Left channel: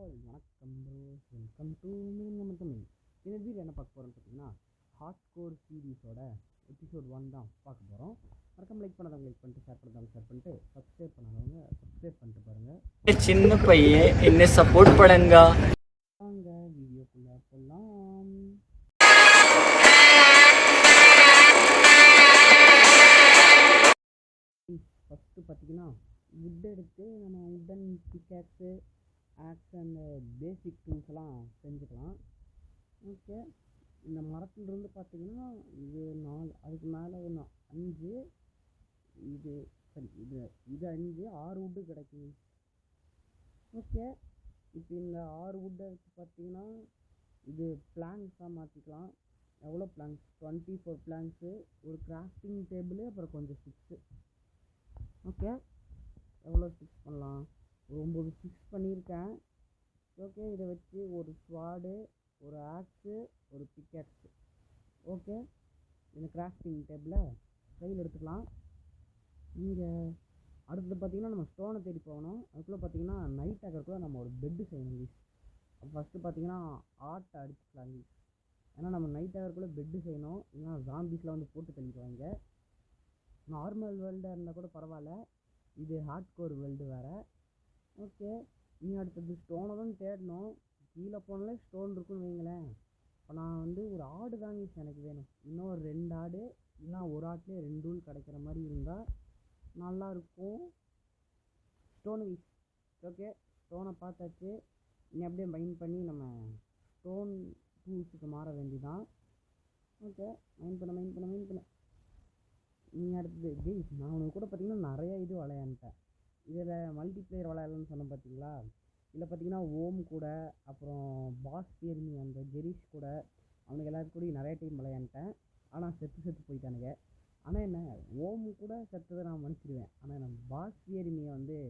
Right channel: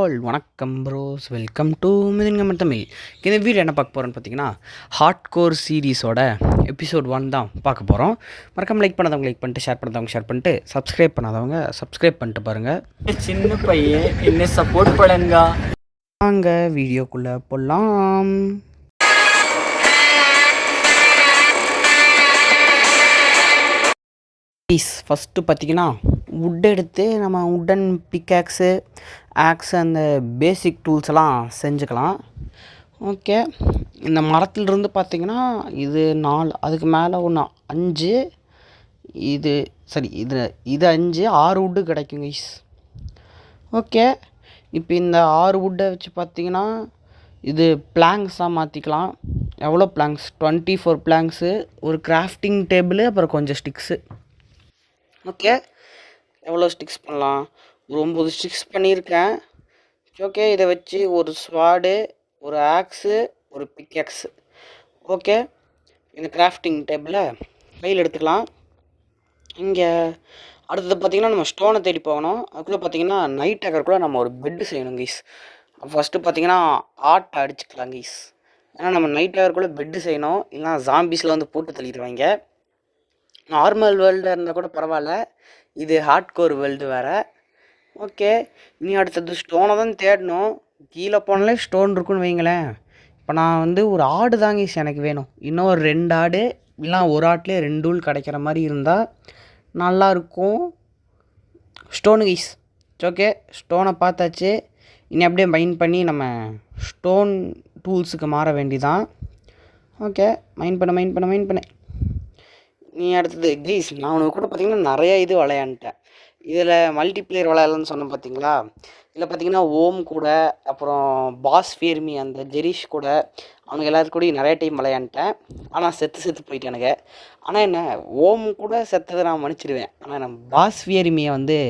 All வணக்கம் pros, welcome to மிதுங்கமன் Tamil. இந்த video என்ன பார்க்க போகிறோன்னு பார்த்தீங்கன்னா, ஹார்ட் கோர் சீரீஸோட எபிசோட் 1 தான் பார்க்க போகிறோம். மறக்காம லைக் பண்ணாதவங்க லைக் பண்ணிட்டு, ஷேர் பண்ணாதவங்க ஷேர் பண்ணிட்டு, சப்ஸ்கிரைப் பண்ணாதவங்க சப்ஸ்கிரைப் பண்ணிட்டு பாருங்கள். சின்ன பையன் என்ன சப்போர்ட் பண்ணுங்க. வாங்க வீடியோக்குள்ளே போகலாம். ஃபஸ்ட்டு பார்த்தீங்கன்னா, வுட் எடுத்து நம்ம வுட்டன் பிக்காக்ஸு, ஆக்ஸு, அந்த பேசிக் டூல்ஸ் எல்லாம் செஞ்சுக்கலாம். ஓகே, இந்த மரத்துலேருந்து பார்த்தீங்கன்னா இது 4, அதுக்கு மேலே ஒன்று 5, இது சரி இது 5, 6 வுட்டு கிடைக்கும் கைஸ். ஓகே, இப்போ இந்த 6 வுட்டை வச்சு பார்த்தீங்கன்னா இது பிளாங்க்ஸாக மாற்றிக்கலாம். எவ்வளோ பிளாங்க்ஸ்? 24 பிளாங்க்ஸு, ஒரு கிராஃப்டிங் டேபிள், அப்புறம் கொஞ்சம் ஸ்டிக்ஸு. ஓகே, எவ்வளோ ஸ்டிக்ஸ் பண்ணலாம்? ஒரு 9 ஸ்டிக்ஸ் பண்ணியிருக்கேன். ஓகே, இதை வச்சு ஒரு ஸ்வாடு, ஒரு ஆக்ஸு, ஒரு பிக்ஆக்ஸு. ஓகே, இந்த கிராஃப்டிங் டேபிளை கையில் எடுத்துக்கலாம். இங்கே அடுத்தது பார்த்திங்கன்னா நம்ம ஸ்டோனை தேடி போகணும். அதுக்குள்ளே பார்த்திங்கன்னா நைட் ஆகிறக்குள்ளே நம்ம ஒரு பெட்டு செய்யணும் கைஸ். ஃபஸ்ட்டு பார்த்திங்கன்னா ஆட்டை அடிச்சுக்கலாம் கைஸ். ஏன்னா நம்ம நைட் ஆகிறக்குள்ளே பெட்டு செய்யணும், இல்லைனா ஜாம்பிஸில் வந்து போட்டு தள்ளிடுவாங்க. நார்மல் வேர்ல்டாக இருந்தால் கூட பரவாயில்ல, இது ஹார்ட் கோர் வேர்ல்டு வேறு. ஓகே, இனி அடுத்தது ஸ்டோனை தான் தேடணும். கீழே போனாலே ஸ்டோன் இருக்குன்னு வைங்களேன். இப்போ நான் வந்து ஒரு ஆடு தாங்க எனக்கு வேணும். இன்னும் ஒரு 2 ஆடு, இல்லைனா ஒரு ஆட்லேயே 2 டூல் கிடைக்கிற மாதிரி இருந்தால் நல்லாயிருக்கும். Stone guys. ஓகே, ஸ்டோனை பார்த்தாச்சு. இனி அப்படியே மைன் பண்ணி நம்ம ஸ்டோன் டூல்ஸுக்கு மாற வேண்டிதான். ஓகே, மைன் பண்ண நீ அடுத்தது கைஸ், நான் உனக்கு கூட பார்த்திங்கன்னா நிறையா இது விளையாண்டுட்டேன். இதில் மல்டிப்ளேயர் விளையாடலன்னு சொன்னேன் பார்த்தீங்களா. இதில் பார்த்திங்கன்னா ஓம் கூட, அப்புறம் பாஸ் ஃபேர்மி, அந்த ஜெரிஷ் கூட, அவனுக்கு எல்லாத்துக்கும் கூட நிறைய டைம் விளையாண்டுட்டேன். ஆனால் செத்து போயிட்டானுங்க. ஆனால் என்ன, ஓம் கூட செத்ததை நான் மன்னிச்சிடுவேன். ஆனால் நம்ம பாஸ் ஃபேர்மியை வந்து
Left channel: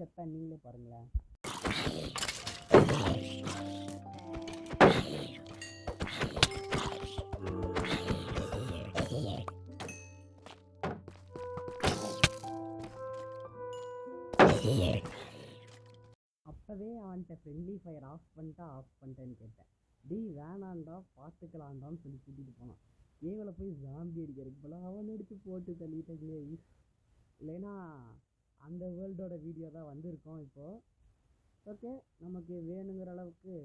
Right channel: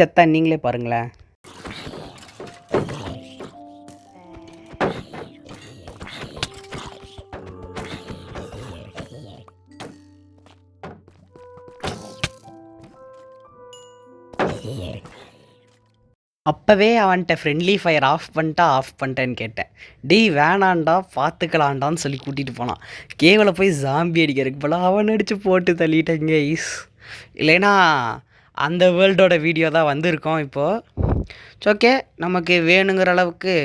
செத்தா நீங்களே பாருங்களேன். அப்போவே அவன்கிட்ட ஃப்ரெண்ட்லி ஃபயர் ஆஃப் பண்ணிட்டேன்னு கேட்டேன். டேய் வேணாண்டா, பார்த்துக்கலாண்டான்னு சொல்லி கூட்டிகிட்டு போனான். கேவில் போய் ஜாம்பி அடிக்கிறதுக்கு போல அவன் அடித்து போட்டு தள்ளிட்டேங்க ஈஸ். இல்லைன்னா அந்த வேர்ல்டோட வீடியோ தான் வந்திருக்கோம் இப்போது. ஓகே, நமக்கு வேணுங்கிற அளவுக்கு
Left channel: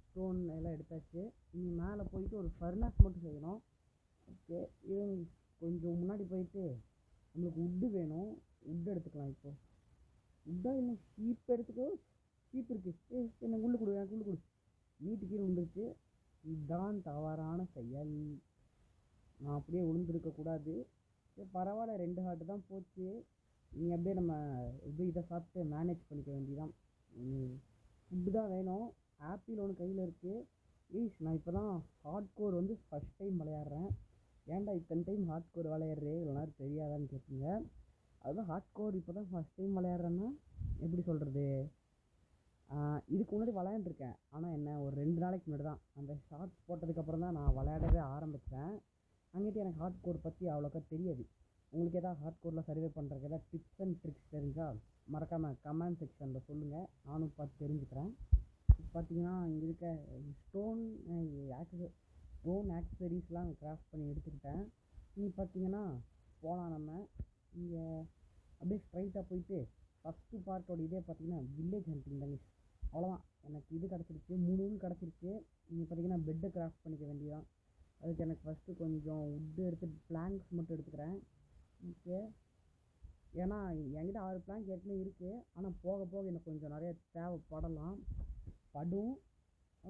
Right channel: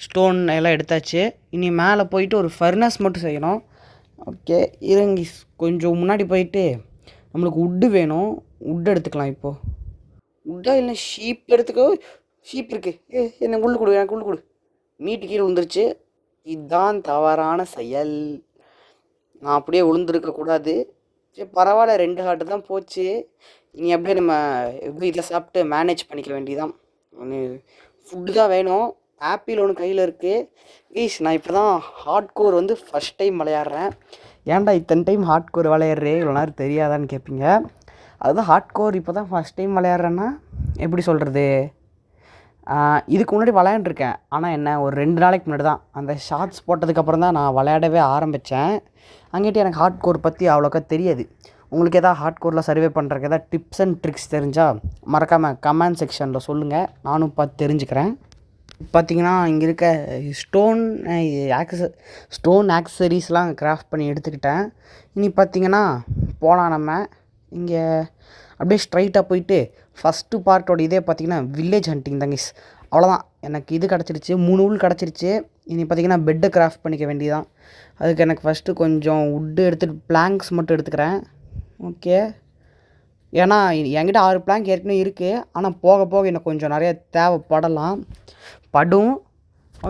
ஸ்டோன் எல்லாம் எடுத்தாச்சு. இனி மேலே போயிட்டு ஒரு ஃபர்னஸ் மட்டும் செய்யணும். ஓகே, இருங்க, கொஞ்சம் முன்னாடி போயிட்டு நம்மளுக்கு வுட்டு வேணும். வுட்டு எடுத்துக்கலாம். இப்போது வுட்டா இல்லை ஷீப் எடுத்துக்கோ. ஷீப் இருக்குது, எனக்கு எனக்கு உள்ள கொடு. மீட்டு கீழே விழுந்துருச்சு. இதுதான் தவறான செயல். நான் அப்படியே விழுந்துருக்கக்கூடாது. சரி பரவாயில்ல, 2 ஹார்ட்டு தான் போச்சு. இனி அப்படியே நம்ம எப்படி இதில் சாப்பிட்டு மேனேஜ் பண்ணிக்க வேண்டியதான். ஃபுட்டு தான் வேணும். ஆப்பிள் ஒன்று கையில் இருக்குது. ப்ளீஸ், நான் இப்போ தான் ஹார்ட் கோர் வந்து ஃபஸ்ட் டைம் விளையாடுறேன். ஏன்டா இத்தனை டைம் ஹார்ட் கோர் விளையாடுறே, இவ்வளோ நேரம் தெரியாதான்னு கேட்பீங்க. அதுதான் ஹார்ட் கோர் இப்போ தான் ஃபஸ்ட் டைம் விளையாடுறேன்னா எப்படி சொல்கிறது. இதுக்கு முன்னாடி விளையாண்டுருக்கேன். ஆனால் என்ன, ஒரு 2 நாளைக்கு முன்னாடி தான் அந்த ஷார்ட்ஸ் போட்டதுக்கப்புறம் தான் நான் விளையாடவே ஆரம்பித்தேன். அங்கேட்டு எனக்கு ஹார்ட் கோர் பற்றி அவ்வளோக்கா தெரியாது. உங்களுக்கு எதாவது ஹார்ட் கோரில் சர்வே பண்ணுறதுக்கு எதாவது டிப்ஸ் அண்ட் ட்ரிக்ஸ் தெரிஞ்சால் மறக்காமல் கமெண்ட் செக்ஷனில் சொல்லுங்கள், நானும் பார்த்து தெரிஞ்சுக்கிறேன். பார்த்திங்கன்னா இங்கே இருக்க ஸ்டோன் ஆக்சசரிஸ்லாம் கிராஃப்ட் பண்ணி எடுத்துக்கிட்டேன். இனி பார்த்திங்கன்னா போகலாம் நம்ம. இங்கே அப்படியே ஸ்ட்ரைட்டாக போயிட்டு ஃபஸ்ட்டு பார்ட்டோட இதே பார்த்திங்கன்னா வில்லேஜ் ஹண்டிங் தாங்க. அவ்வளோதான், எனக்கு இது கிடச்சிருச்சு, 3 ஊல் கிடச்சிருச்சு. இனி பார்த்திங்கன்னா பெட்டை கிராஃப்ட் பண்ணிக்க வேண்டியதான். அதுக்கு எனக்கு ஃபஸ்ட்டு கொஞ்சம் வுட்டு எடுத்துகிட்டு பிளாங்க்ஸ் மட்டும் எடுத்துக்கிறேன். ஓகே, ஏன்னா என்கிட்ட 6 பிளாங்க் ஏற்கனவே இருக்குது. ஆனால் போக போக எனக்கு கொஞ்சம் நிறைய தேவைப்படும்.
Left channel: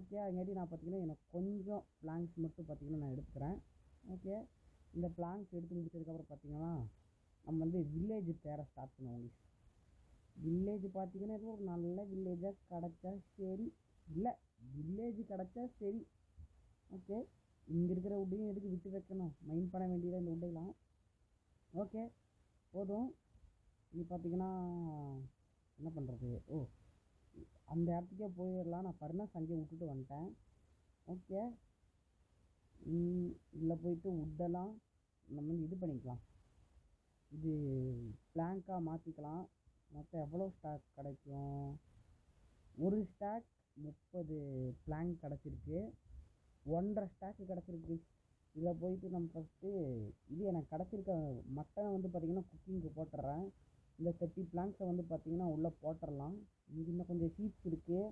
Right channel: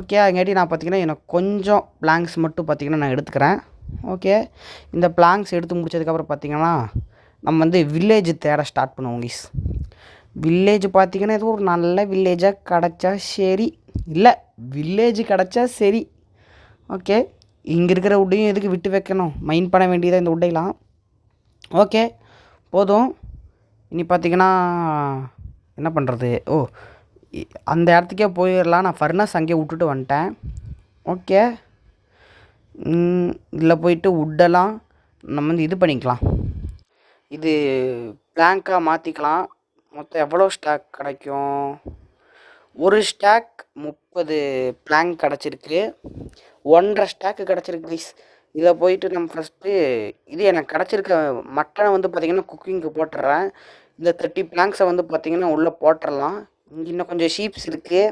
ஓகே, அதுங்காட்டி நான் பார்த்திங்கன்னா எனக்கு கொஞ்சம் பிளாங்க்ஸ் மட்டும் பார்த்திங்கன்னா நான் எடுத்துக்கிறேன். ஓகே, இந்த பிளாங்க்ஸ் எடுத்து முடிச்சதுக்கப்புறம் பார்த்திங்கன்னா நம்ம வந்து வில்லேஜ் தேட ஸ்டார்ட் பண்ணுவோம் கைஸ். வில்லேஜ் பார்த்திங்கன்னா ஏதோ ஒரு நல்ல வில்லேஜாக கிடச்சா சரி. இல்லை, வில்லேஜ் கிடச்சா சரி. ஓகே, இங்கே இருக்கிற வுட்டையும் எதுக்கு விட்டு வைக்கணும், மைண்ட் பண்ண வேண்டியதாக இந்த வுட்டையெல்லாம். ஓகே, போதும். இனி பார்த்திங்கன்னா என்ன பண்ணுறது, அந்த இடத்துக்கே போயிடலாம். நான் ஃபர்னஸ் அங்கேயே விட்டுட்டு வந்துட்டேன். ஓகே, இதில் போயிட்டு வுட்டெல்லாம் நம்ம வந்து இது பண்ணிக்கலாம், இது பிளாங்காக மாற்றிக்கலாம். மொத்தம் எவ்வளோ ஸ்டாக் கிடைக்கும்? ஒரு ஸ்டாக் 30 பிளாங்க் கிடச்சிருக்கு. 1.5 ஸ்டாக்கு கிடச்சிருக்கு கைஸ். இதை போயிட்டு நம்ம ஃபஸ்ட்டு இது எனக்கு கிடச்சிருக்க மட்டனை வந்து பார்த்திங்கன்னா குக்கிங்க்கு போட்டுடுறேன். இந்த 30 பிளாங்க்ஸை வந்து பார்த்திங்கன்னா உள்ளே போட்டுடலாம். இங்கே இன்னும் கொஞ்சம் ஷீப்ஸ் இருக்குது,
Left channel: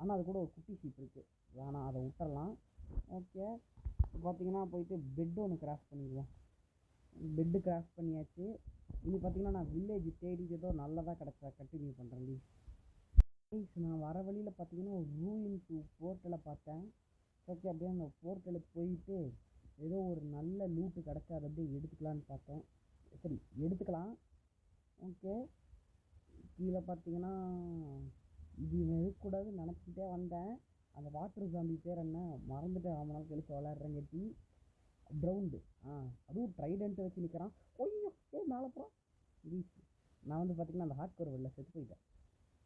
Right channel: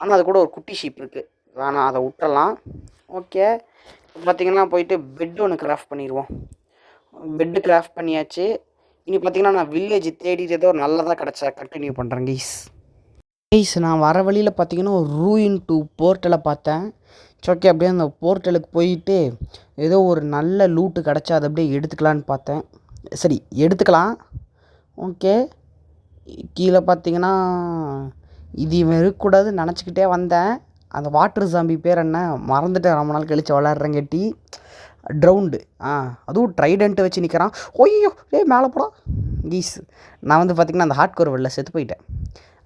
ஆனால் அது கூட ஒரு குட்டி ஷீப் இருக்குது, வேணாம் அதை விட்டுறலாம். ஓகே, பார்த்திங்கன்னா போயிட்டு பெட் ஒன்று கிராஃப்ட் பண்ணிடுவோம். பெட்டு கிராஃப்ட் பண்ணியாச்சு. இனி பார்த்திங்கன்னா நான் வில்லேஜ் தேடிட்டு ஏதோ நல்லதாக கிடச்சா கண்டினியூ பண்ணுறேன் கைஸ். கைஸ் நான் வர வழியில் பார்த்தீங்கன்னா ஒரு ரூயின் 2 போர்ட்டலை பார்த்தேன். ஓகே, அப்படியே அந்த போர்ட்டலுக்கு போயிட்டு ஏதோ ஒரு நல்ல லூட்டு கிடச்சா அதை அப்படியே எடுத்துக்கலான்னு பார்த்தேன். சரி, எடுத்துக்கலாம். ஓகே, கீழே பார்த்தீங்கன்னா இது இவன் இருக்கக்கூடாதுன்னு நினச்சிக்கிட்டே வந்தேன். அந்த வாட்டர் ஜாம்பி பேர் என்ன மறந்துட்டேன், ரொம்ப நாள் கழித்து விளாட்றங்கட்டி. ட்ரவுண்டு, அதுவும் ட்ரைடண்ட்டு வச்சு நிற்கிறான். ஒய்யோ மேலே போடா கீஸ். நான் வந்து பார்த்திங்கன்னா அந்த ஹார்ட் கோர் வேர்ல்டில் செத்து போயிட்டேன்.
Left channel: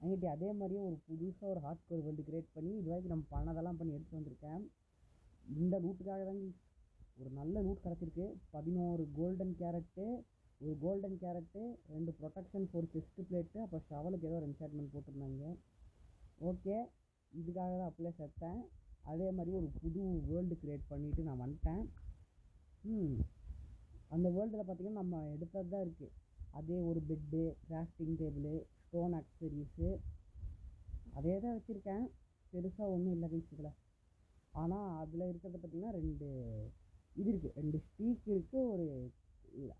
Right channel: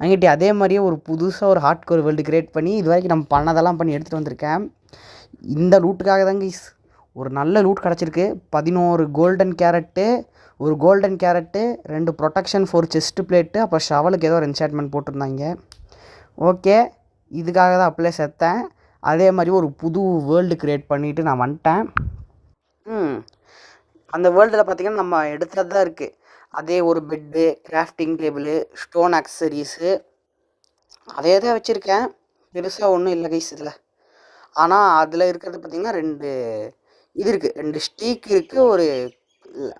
அங்கிட்டி அதே மாதிரியே ஒரு புதுசாக ஒரு ஹார்ட் கோர் வேர்ல்டு கிரியேட் பண்ணி இது வரைக்கும் நம்ம பண்ணதெல்லாம் பண்ணி எடுத்துகிட்டு வந்திருக்கேன். இந்த லூட்டுக்காக தான் கீஸ். ஒரு நல்ல லூட் கிடச்சிருக்கு. 11 கோல்டன் கேரட்டு, ஒரு golden carrot, 2 protection 4 chest plate, அப்புறம் ஷவலுக்கு ஏதோ ஒரு என்சாட்மெண்ட் போட்டிருந்தாங்க. ஓகே, இதுக்காக தான் அப்படியே செத்தேன். அதே மாதிரி ஒரு புது வேர்ல்டு க்ரியேட் பண்ணிவிட்டு நான் வந்துட்டேன். அந்த வேர்ல்டில் பார்த்திங்கன்னா நம்ம எடுத்தது தான் இருக்குது. அதே ஒரு bed, crafting table, stone accessories, அதே தான் வச்சுருக்கேன். பெருசாக ஒன்றும் இல்லை கைஸ் இதில். ஆனால் அதில் இருக்கிறது பார்த்திங்கன்னா 2 இது இருக்குது, 2 ஸ்டீக் இருக்குது, ஒரு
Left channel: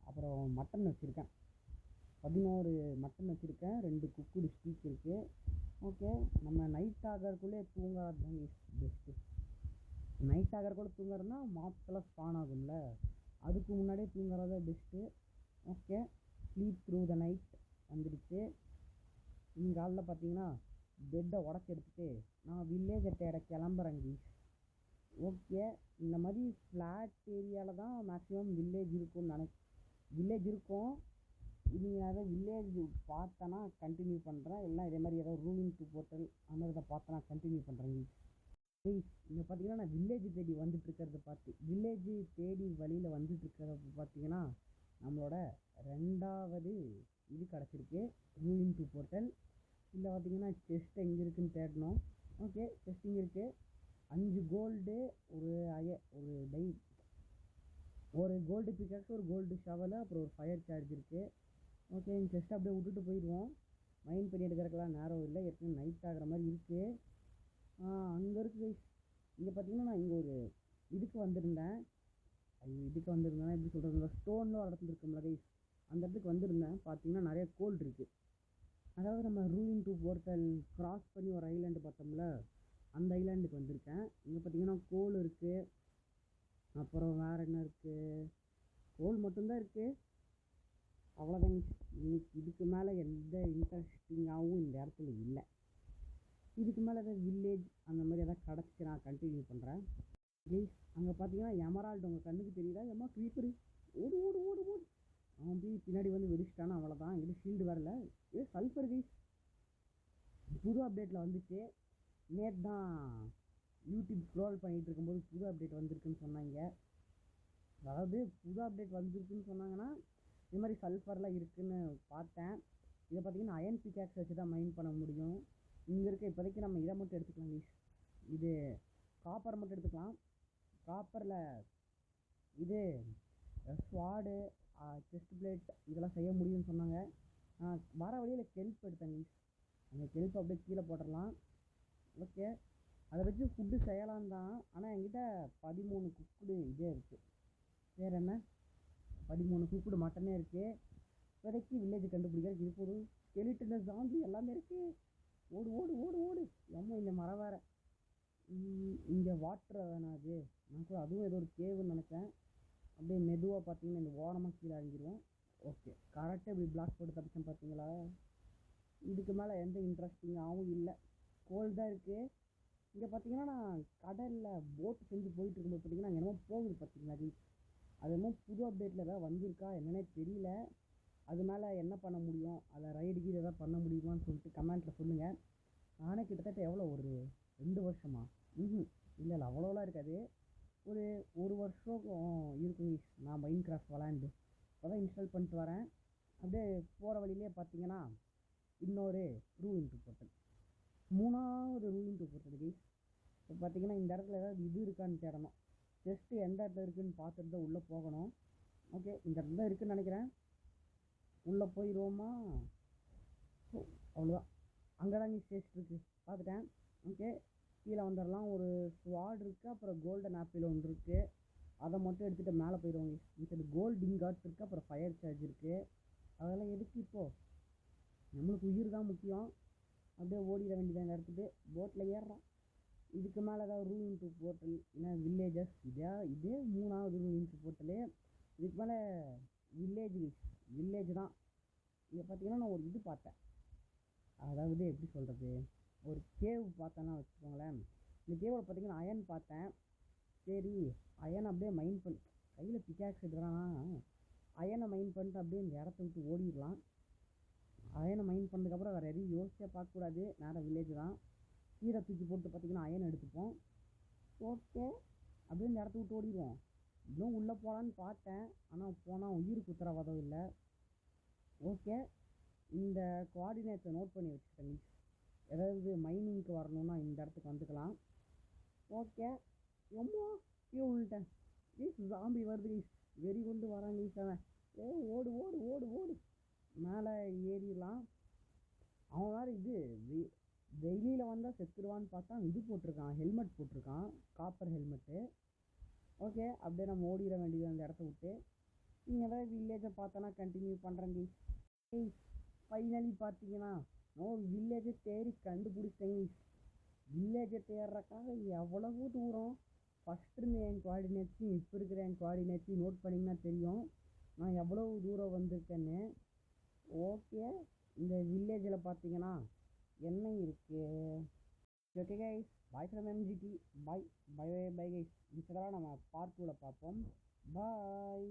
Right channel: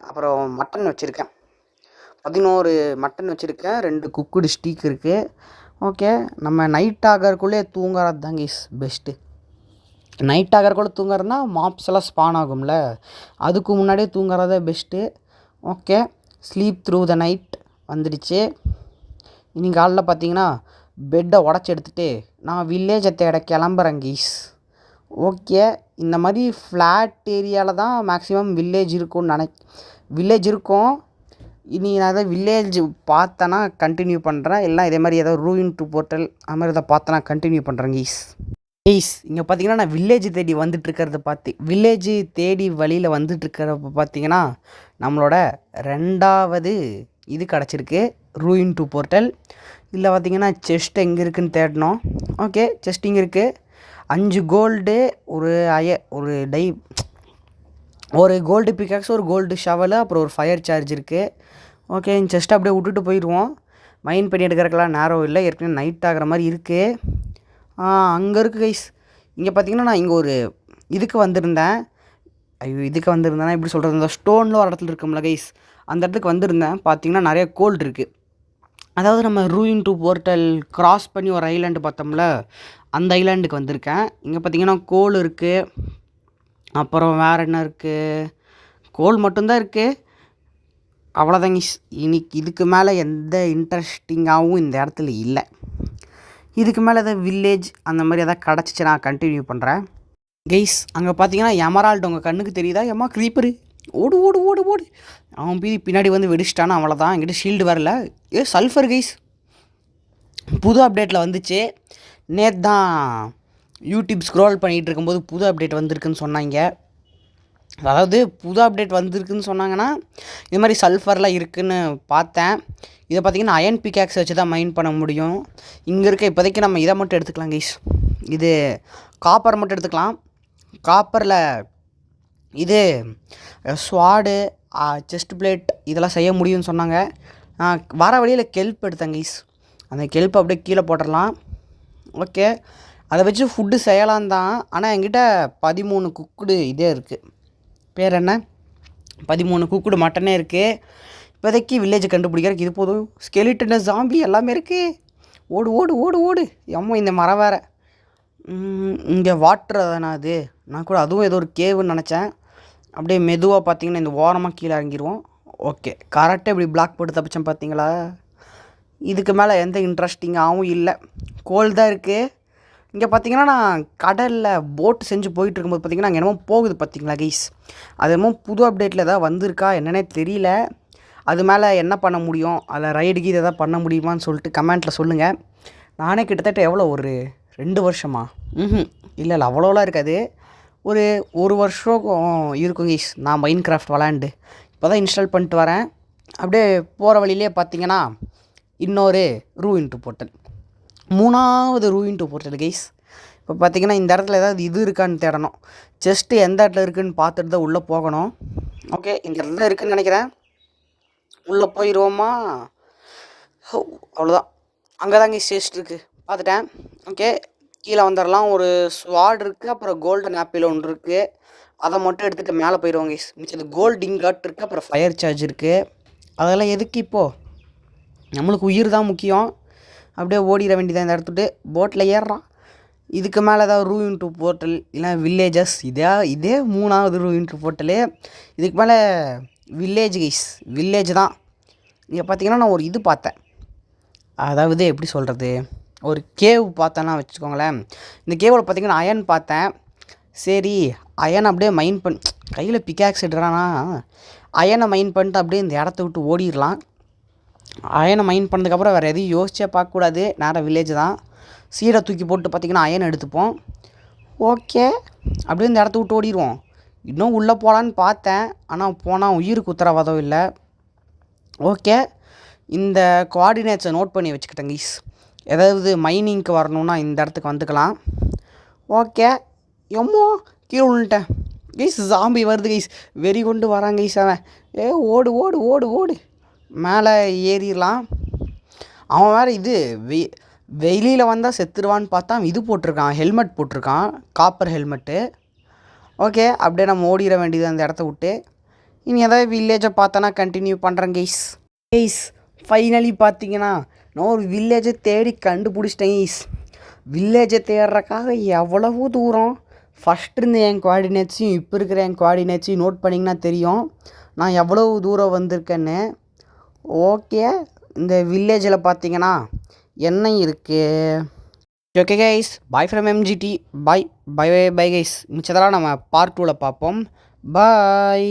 அப்புறம் மட்டன் வச்சுருக்கேன். 11 மட்டன் வச்சுருக்கேன், 2 குக்குடு ஸ்டீக் இருக்குது. ஓகே, நம்ம நைட் ஆகிறக்குள்ளே தூங்குறது தான் கைஸ் பெஸ்ட்டு. நைட் ஆகிறக்குள்ளே தூங்குறதுனா மாப்ஸ் எல்லாம் ஸ்பான் ஆகும்ல, அதுக்கு முன்னாடியே தூங்குறதே best. Okay, sleep through the night வந்துடுச்சு. இன்னைக்கு காலைல பார்த்தீங்கன்னா பெட்டை உடச்சி எடுத்துகிட்டு நான் வில்லேஜை தேட கிளம்புறேன் கீஸ். ஓகே, இந்த மாதிரி ஃப்ளாட் ஏரியாவில் தான் மேக்ஸிமம் வில்லேஜ் இருக்கும்னு வில்லேஜ் இருக்கும். இனி நான் எதாவது வில்லேஜ் பார்த்தேன்னா கண்டினியூ பண்ணுறேன், இல்லை இதே மாதிரி ஏதாவது ரூயின் 2 போர்ட்டல் அது மாதிரி எதாவது பார்த்தேன்னா கண்டினியூ பண்ணுறேன் கீஸ். இங்கே பார்த்தீங்கன்னா நான் வில்லேஜ் தேடி வில்லேஜ் தேடி வழியில் வந்துட்டுருக்கிறப்ப பார்த்தீங்கன்னா நம்மளோட 2வது இது கிடச்சிருக்கு, ரூயின் 2 போர்ட்டல். இதில் பார்த்தீங்கன்னா செஸ்ட் எங்கே இருக்குதுன்னு தேடணும். ஓகே, செஸ்ட் இங்கே இருக்குது. 5 கோல்டு, ஒரு கோல்டு பிக்காக்ஸ், ஒரு கோல்டு ஷவலு, அப்புறம் ஒரு ஃபயர் சார்ஜ் இருக்குது. ஓகே, இந்த செஸ்ட்டை அப்படியே விட்டுட்டு போயிடுவோம். மைண்ட் பண்ணி எடுக்கிறதுக்கெல்லாம் நேரம் இல்லை, ஏற்கனவே நைட் ஆகிற மாதிரி இருக்குது. அங்கே இருக்குது கைஸ். இங்கே பார்த்தீங்கன்னா நான் இங்கே ஒரு இதுக்கு வந்திருந்தேன். எப்படி சொல்கிறது, இந்த ஸ்டோனில் ஒரு இடத்துல இருக்கும்ல கைஸ், அந்த இடத்துக்கு வந்திருந்தேன். பார்த்தீங்கன்னா நிறைய கோல்டு இருக்குது. அதாவது நம்ம ரூயின் 2 போர்ட்டல் கிராஸ் பண்ணி ஒரு ஐலாண்டு பார்த்தோம்ல, அந்த ஐலாண்டுக்கு வந்திருக்கேன். இங்கே பார்த்தீங்கன்னா கோல் இருக்குது, அப்புறம் வேறு என்ன இருக்குது, கோல் மட்டும்தான் இருக்குது. அவ்வளோதாங்க. இன்னைக்கு இதுக்கு மேலே எந்த இன்ட்ரெஸ்டிங்காகவும் இந்த இடத்துல இல்லை. இதுக்கு மேலே எதாவது வில்லேஜ் அந்த மாதிரி எதாவது கிடச்சிச்சு நான் கண்டினியூ பண்ணுறேன் கைஸ். அங்கே பார்த்தீங்கன்னா எமரால்டு உங்கள் கண்ணுக்கு தெரியுதா? எம்மா க்ரீப்பரு, ஓடு ஓடு ஓடு ஓடு. அவன் பின்னாடி வந்து வெடிச்சிட்டானா, அவ்வளோதான். என்கிட்ட ஷீல்டு வரல. சல்ஃபர் கைஸ் புது அப்டேட்டில் வந்துச்சு. நேற்று தான் யூடியூப் ஸ்க்ரோல் பண்ணிகிட்டு இருக்கும்போது புது அப்டேட் வந்திருக்குன்னு சொன்னாங்க. அதாவது புது அப்டேட் வந்திருக்குன்னு சொன்னாங்கன்னா இது மாதிரி சல்ஃபர்லாம் இருக்குதுன்னு பார்த்தேன். இதை பார்த்திங்கன்னா அயன் பிக்காக்ஸ் வச்சு தான் மைன் பண்ண முடியும். இங்கே இருக்க இப்போதைக்கு நம்ம இதை மட்டும் எடுத்துக்கலாம் கைஸ். இது காப்பர் மட்டும் எடுத்துக்கலாம். காப்பரில் இது ஸ்வாடு, செஸ்ட் பிளேட் இதெல்லாம் செய்ய முடியும்னு சொன்னாங்க. வர வழியில் கெல்ப் எடுத்தேன் கைஸ். அந்த கெல்ப் அப்படியே கீழே போட்டுடலாம். ஓகே, அதை வச்சு ஃபுட்டு செய்யலாம் தான். ஆனால் என்கிட்ட 13 குக்குடு இதே இருக்குது, பேர் என்ன, 13 குக்குடு மட்டனே இருக்குது. இப்போதைக்கு வில்லேஜை கண்டுபிடிக்கிறதுக்கு இது போதும். ஸ்கெலிட்டனு, ஜாம்பி எல்லாமே இருக்குது. ஓடு ஓடு ஓடு ஓடு. எம்மோ இந்த மரம் வேறு. இங்கே வாட்டர் தானே அது, நான் கூட அதுவும் ஏதோ ஒரு கேவுன்னு நினச்சேன். அப்படியே மெதுவாக பார்த்தீங்கன்னா இந்த ஓரமாக கீழே இறங்கிடுவோம். ஓகே, கரெக்டாக இப்படி பிளாக் போட்டு தப்பிச்சேன் பார்த்தீங்களா. இதுக்கு மேலே எந்த இன்ட்ரெஸ்டிங்காகவும் இல்லை, கோல் தான் இருக்குது. இங்கே பார்த்தீங்கன்னா நான் கடலில் போட்டு செஞ்சு போயிட்டுருக்கும்போது பார்த்திங்கன்னா அங்கே என்னமோ போகுது பார்த்தீங்களா கைஸ். அது என்னமோ புது அப்டேட்டில் எதாவது வந்திருக்கா என்னன்னே தெரியல. அது மேலே என்ன பண்ண முடியும், அதில் ரைடுக்கு இதை எதாவது பண்ண முடியுமான்னு சொல்லிட்டு கமெண்ட்டில் சொல்லுங்கள். நானே கிட்டத்தட்ட எவ்வளோ ஒரு 2 வருஷமா இல்லை அவ்வளோலாம் இருக்காது, ஒரு வருஷம் இருக்கும் கைஸ் நான் மைன் கிராஃப்ட் விளாண்டு. இப்போ தான் இன்ஸ்டால் பண்ணிட்டு வரேன். அப்படியே போகிற வழியிலே பார்த்தீங்கன்னா இன்னொரு ரூயின் 2 போர்ட்டல். 3வது ரூயின்ட்டு போர்ட்டல் கைஸ். இப்போ பார்த்தீங்கன்னா இந்த இடத்துல ஏதாவது இது இருக்கான்னு தேடணும். செஸ்ட்டு எந்த இடத்துல இருக்குதுன்னு பார்த்துட்டு தான் உள்ளே போகணும். ஓகே, இந்த இடத்துல இருக்குதுன்னு நினைக்கிறேன். உள்ளே போயிடுவோமா? அவ்வளோதான். அங்கே தான் கைஸ் செஸ்ட் இருக்குது, பார்த்துட்டேன். ஓகே, கீழே வந்துடலாம். ஒரு ஸ்வாட் இருக்குது, அப்புறம் கோல்டன் ஆப்பிள் ஒன்று இருக்குது. அதை மட்டும் எடுத்துகிட்டு மேலே போயிடுவோம் கைஸ். மிச்சது கோல்டு இங்காட் இருக்குது, அப்புறம் ஃபயர் சார்ஜ் இருக்குது. அதெல்லாம் எதுக்கு இப்போது? நம்மளுக்கு உயிர் தான் முக்கியம். அப்படியே ஓடிட வேண்டியதான் இந்த இடத்துட்டு. போட்டில் ஏறுறான். இதுக்கு மேலே ஏதாவது ரூயின்ட்டு போர்ட்டல் இல்லை வில்லேஜஸ், இதே 3வது ரூயின்ட்டு போர்ட்டலு. இதுக்கு மேலே வில்லேஜ் கைஸ், வில்லேஜ் தான். இங்கே பார்த்தீங்கன்னா நான் ஒரு இது பார்த்தேன். அதாவது எப்படி சொல்கிறது, ஒரு கேவ் பார்த்தேன்னா வச்சுக்கோங்களேன். இந்த கேவில் பார்த்தீங்கன்னா அயன் பார்த்தேன். சரி, அயன் அப்படியே மைன் கையில் பிக்காக்ஸ் எடுறானா, அயனை மைன் பண்ணிட்டு அப்படியே இந்த இடத்த விட்டு ஓடிடலாம். அயனை மைன் பண்ணதுக்கப்புறம் வேறு எதையும் யோசிச்சே பார்க்கக்கூடாது. நேராக வில்லேஜ் தான். சீடை தூக்கி போட்டு பார்த்திங்கன்னா அயன் எடுத்துப்போம். ஓகே, அப்படியே இந்த இடத்த விட்டு ஓடிடுவோம். இன்னும் உள்ளே போகலான்னு பார்த்தேன், ஆனால் போனால் உயிருக்கு உத்தரவாதம் இல்லை. ஓகே, இந்த கோஆர்டினேட்ஸை நோட் பண்ணி வச்சுக்கிட்டேன் கைஸ். ஏதாவது மைனிங்க்கு வரணுன்னா இந்த இடத்துக்கு வந்துக்கலாம். ஓகே, எம்மோ கீழே விழுந்துட்டேன் கைஸ். ஜாம்பி வருது கைஸ், வெறி கொண்டு வராங்க கைஸ். அவன் ஓடு ஓடு ஓடு ஓடு, மேலே ஏறிடலாம். அவன் வேறு இது வெளியில் வந்தால் செத்துருவான்னு பார்த்தா இது போட்டிருக்கான், ஹெல்மெட் போட்டிருக்கான், காப்பர் ஹெல்மெட்டு. ஓகே, அப்படியே நம்ம ஓடிட வேண்டியது அந்த இடத்த விட்டு. இனி ஏதாவது வில்லேஜை பார்த்தோன்னா கண்டினியூ பண்ணுறேன் கைஸ். ஃபைனலி பார்த்தீங்கன்னா நான் ஒரு வில்லேஜை தேடி கண்டுபிடிச்சிட்டேன் கைஸ். வில்லேஜை தேடுறக்காக எவ்வளவு தூரம் ஃபஸ்ட் இருந்த என் கோஆர்டினேட்ஸையும் இப்போ இருக்கிற என் கோஆர்டினேட்ஸையும் நோட் பண்ணிங்கன்னா தெரியும் நான் எவ்வளவு தூரம் வந்திருக்கேன்னு. ஓகே, இந்த வில்லேஜில் பார்த்தீங்கன்னா என்ன இருக்குது? Okay guys, bye from MGD. Bye bye bye bye guys. மிச்சதெல்லாம் நம்ம பார்ட் 2ல் பார்ப்போம். பாய்.